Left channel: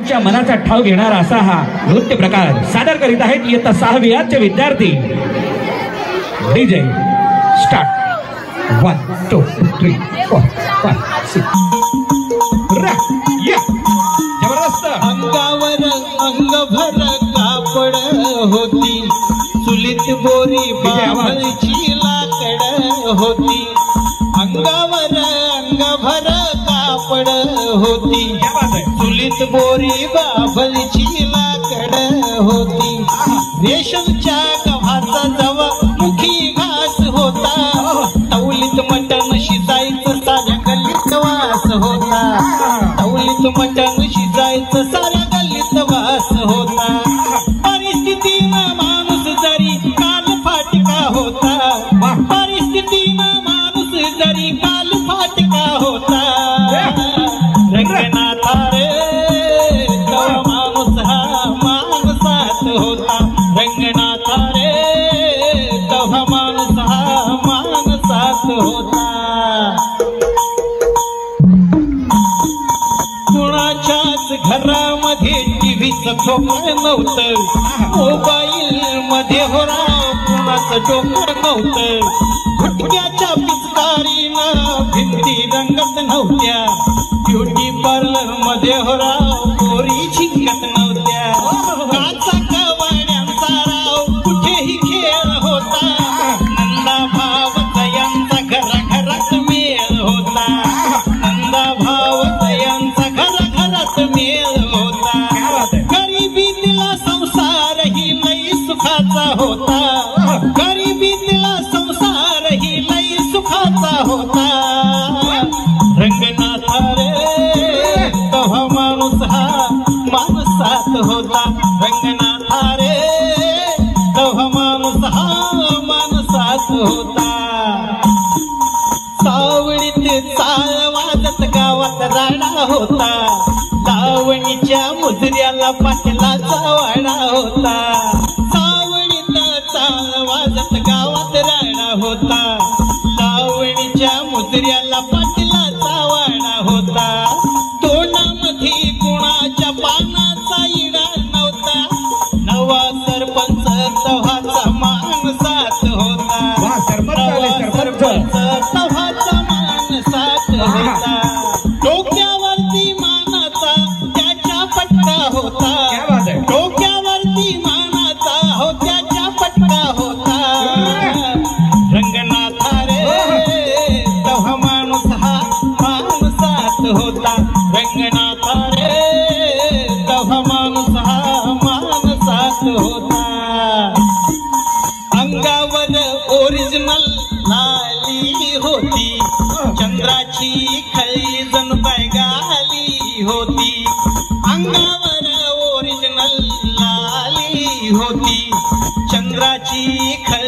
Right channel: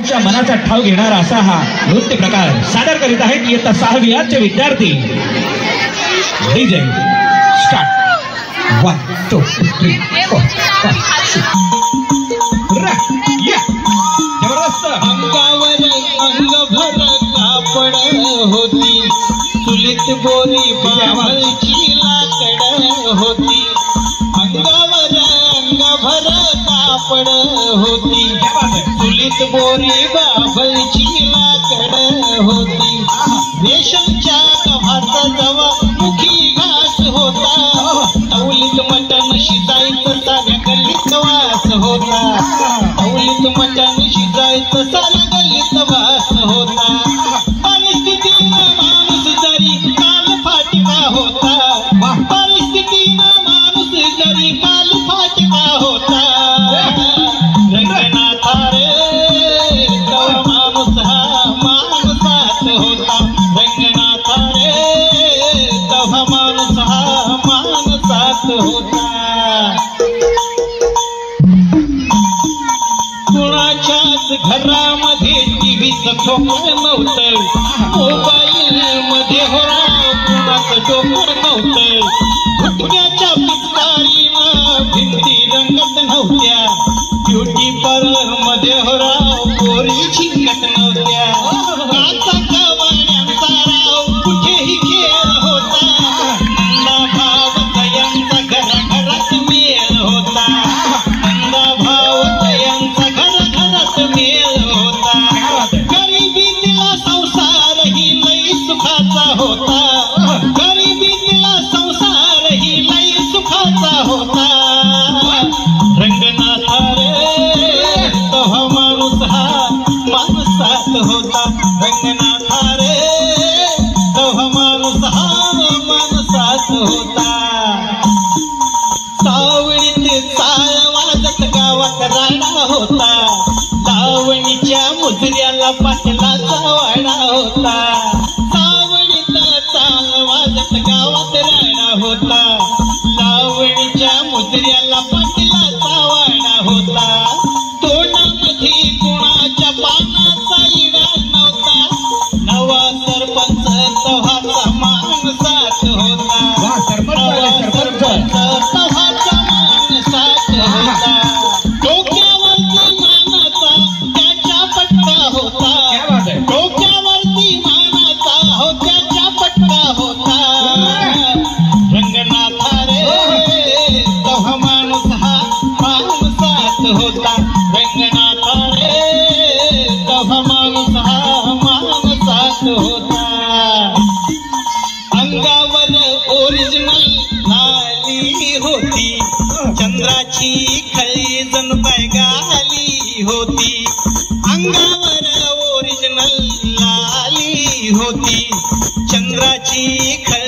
मनाचा ठाव घेणारा असा हा नृत्य प्रकार सादर करीत आहेत इयत्ता 6वी विद्यार्थी। डीजे स्टार्ट 1 2 3 4 5 6 जबरदस्त। अंगावर अंगभर कापड होती, चुलीत बोरी बाभळची लाकड होती। अंगावर अंगभर कापड होती, चुलीत बोरी बाभळची लाकड होती। रेशमच्या गव्हाचा जवा मुखी घास होता, तवलीत मटण शिजायचं साऱ्या गल्लीत वास होता। तवलीत मटण शिजायचं साऱ्या गल्लीत वास होता। परिस्थितीनं माणूस जरी काल फाटका होता, परिस्थितीनं माणूस जरी काल फाटका होता। रंगनाथा रे तवा माणूस हा माणसात होता, रंगनाथा रे तवा माणूस हा माणसात होता। कुणाच्याच घरामध्ये टीव्हीचं खोकं नव्हतं, मोबाईल मध्ये होरा कुणाचं डोकं नव्हतं। गुटक्याच्या पिचकारीनं भिंती रंगत नव्हत्या, ब्युटी पार्लर मध्ये होरा पोरी झिंगत नव्हत्या। काचा कवाड्यांचा राव कुठेही खेळ होता, नंदा भावचा यांचा घराघरात मेळ होता, नंदा भावचा यांचा घराघरात मेळ होता। गरिबीतला संसार ही लई सुखाचा होता, गरिबीतला संसार ही लई सुखाचा होता। रंगनाथा रे तवा माणूस हा माणसात होता, रंगनाथा रे तवा माणूस हा माणसात होता। सावळीत चाळ वाजत गावात राडा होता, लावणीच्या मुजऱ्याला पाटलाचा वाडा होता। सावळीत चाळ वाजत गावात राडा होता, लावणीच्या मुजऱ्याला पाटलाचा वाडा होता। तोंडामध्ये कुणाच्या पानाचा इडा नव्हता, नवा सरपंच तव्हाचा माणसात होता, नवा सरपंच तव्हाचा माणसात होता। डोक्यावरती मानाचा त्याच्या पटका होता, डोक्यावरती मानाचा हो त्याच्या पटका होता। रंगनाथा रे तवा माणूस हा माणसात होता, रंगनाथा रे तवा माणूस हा माणसात होता। अंगावर ओरिजिनल लाली होती, चंद्राची खळी जणू काय गाली होती। अंगावर ओरिजिनल लाली होती, चंद्राची खळी